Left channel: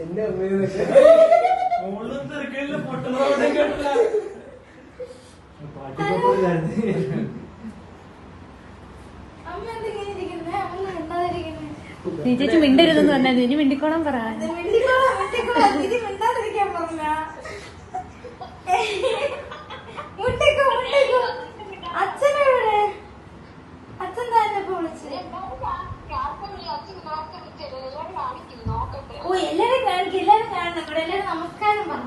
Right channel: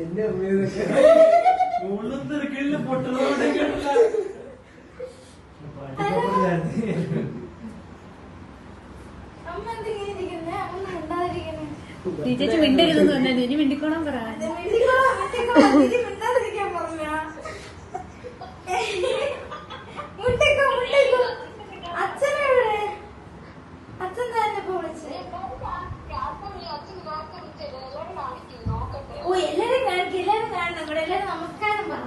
എന്റെ ചേച്ചി മിണ്ടരുതെന്ന് പറഞ്ഞാൽ ചേച്ചി മിണ്ടിക്കോണം പറ. അച്ഛനെവിടെ? അച്ഛൻ തന്നെ വിളിച്ച്. ഓ എല്ലാരും കാണിക്കും, എല്ലാരും കാണണം. ഇവിടെ എല്ലാരും നമസ്കാരം പറഞ്ഞു.